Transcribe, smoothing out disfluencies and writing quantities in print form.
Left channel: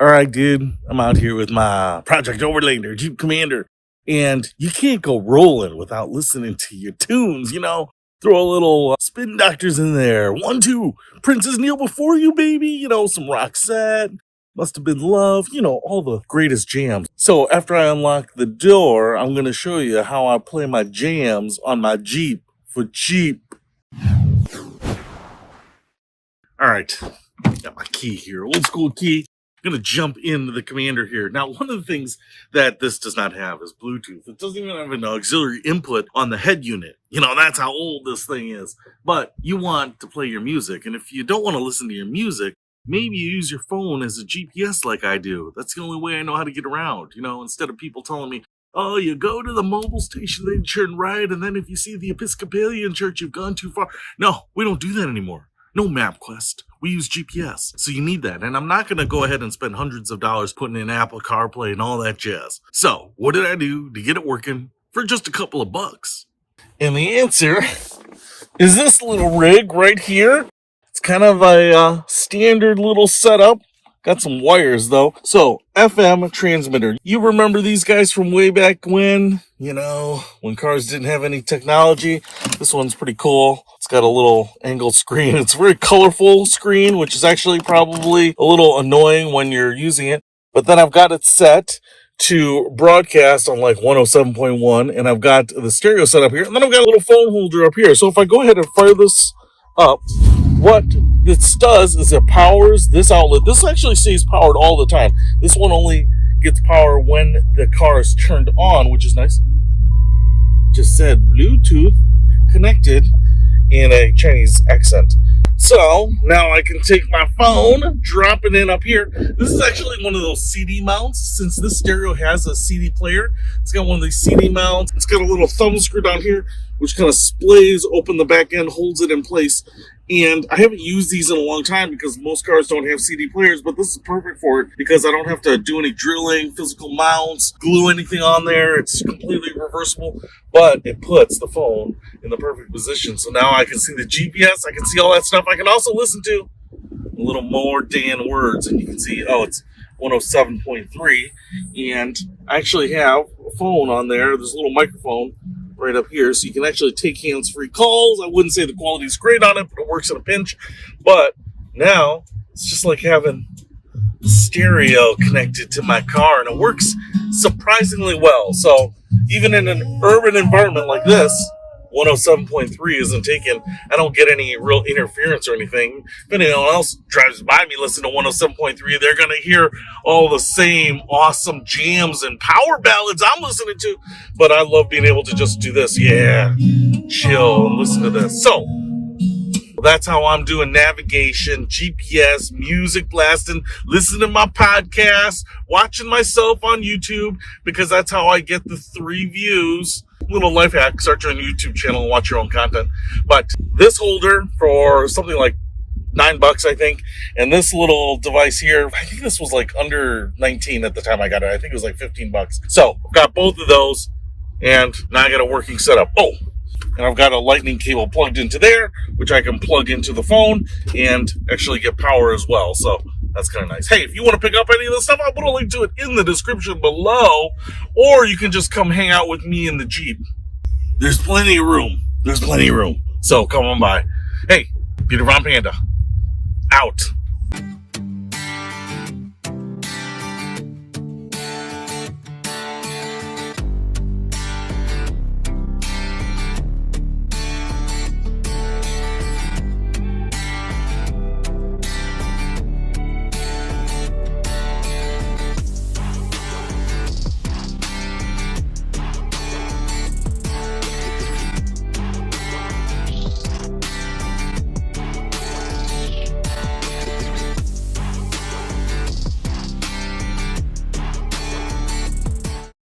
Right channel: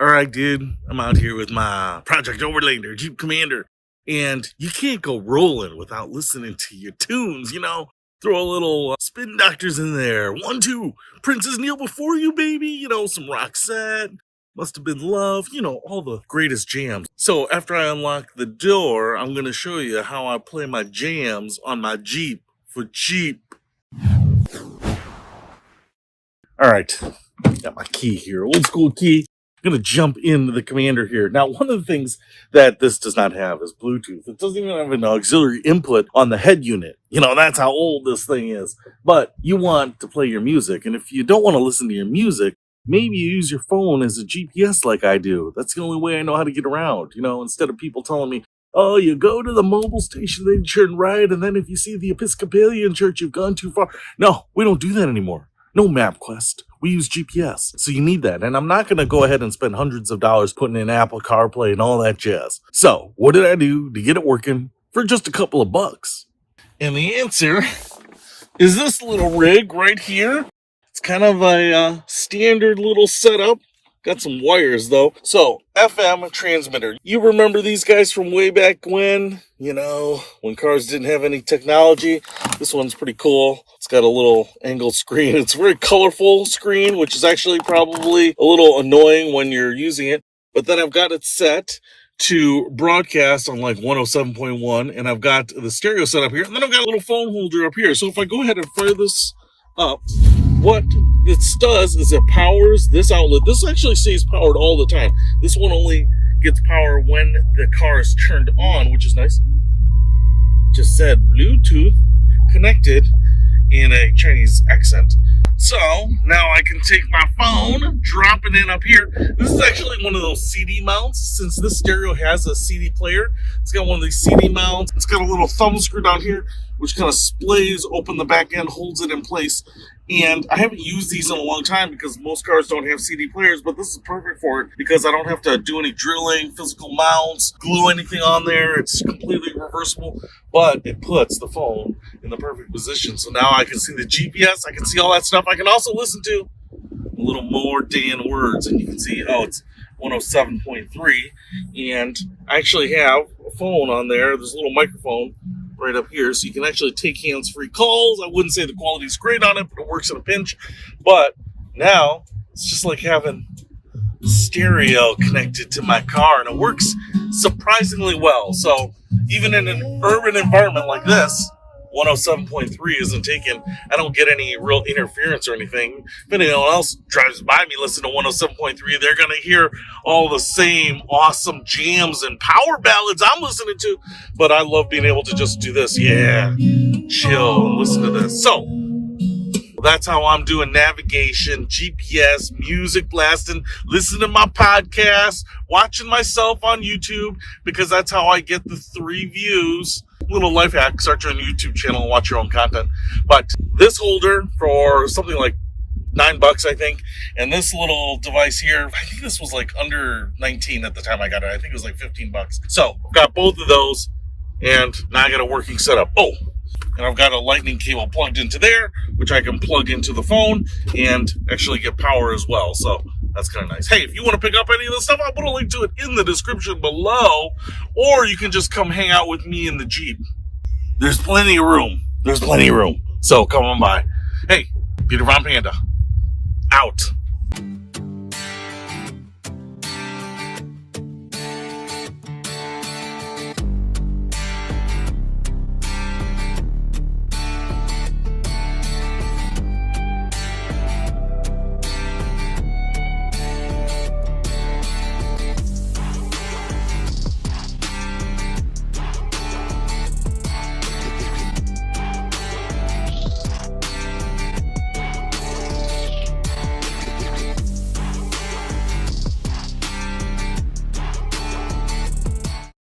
All right, dude, I'm out here with my Project Overlander Jeep Commander, and you can't go rolling without listening to your tunes, Throw a little Spin Doctors in there. 1, 2, Princess Kneel Before You, baby. Some Roxette, Must Have Been Love, all the greatest jams. So after I unlock the door, I'm going to show you how I play my jams on my Jeep for cheap. All right, got my key here, old school key. I'm going to jump into the Commander here. Now, one of the things that this does not have is Bluetooth. It doesn't even have an auxiliary input on the head unit. That's how old this thing is. But you want to play your music. And if you don't want to listen to your music, maybe you use your phone as a GPS like I do. That's the only way I know how to get around. Instead of people telling me, oh, you go to the mobile station, then you turn right, and then if you see the Episcopalian church, you've gone too far. No, we don't do that anymore. No MapQuest. We use GPS. So you need that. And I'm not going to go ahead and spend hundreds of dollars putting in Apple CarPlay and all that jazz. So what did I do to get it working for just a couple of bucks? And the answer is this little rig right here. It's kind of a standard little setup. Got some wires though. So FM transmitter. You remember these guys from way back when? When cars didn't have any technology. This one's pretty cool. It's got a little angled screen. It's a very colorful screen, which is actually probably a little annoying when you're using it. But then I've got it set to broadcast on like 107.1, and I've got the stereo set up here, and then I've got a little phone holder up here. So if I go ahead and fire this up, what it does is it powers this outlet. This actually stays powered all the time. This one only gets power when the car is turned on, which is nice. Just said Bluetooth connected in a Chinese accent. So now I can take my phone, drop it in up here. This is actually one of those CD mounts. Since this stereo has a CD player, it's got one of these CD mounts. It's got a little thumb screw down here, which kind of splays open the back end, holds it in place. And I haven't used these in a long time because most cars don't have CD players, but this is perfect for it because I don't have to do any drilling, physical mounts, glue anything on there. It's completely reversible, but it puts the phone in the perfect position. So now I can see the GPS, I can see all that stuff. I can also listen to a little more Dan words, and you can see, it's 107.3, and I actually have a phone on there. There's a little microphone right up here, so you can actually take hands-free calls. I wouldn't say the quality is great on it, but it works in a pinch. But now it's just like having stereo connected to my car, and it works surprisingly well. So even in an urban environment like this, 107.3 isn't taken. I don't get any real interference or anything. If anyone else drives by me listening to 107.3, they're going to hear all the same awesome jams and power ballads I'm listening to. But I love being able to just do this. Yeah, chill and listen to this. So that's how I'm doing navigation, GPS, music blasting, listening to my podcast, watching myself on YouTube, because that's how I get the 3 views. Little life hack, start your own YouTube channel and watch your own content. But this holder for something like $9, I think, and this little device here, I think this was like under 19 at the time I got it. I think it was like $15. So I've got both of those, and now I got a working setup. Oh, and I've got a lightning cable plugged into there, which I can plug into the phone and actually get power as well. So that's kind of nice. Hey, if you want to pick up any of this stuff, I'll put a link to it in the description below, or you can just come hang out with me in the Jeep. There's plenty of room. So come on by. Hey, Peter von Panda, out.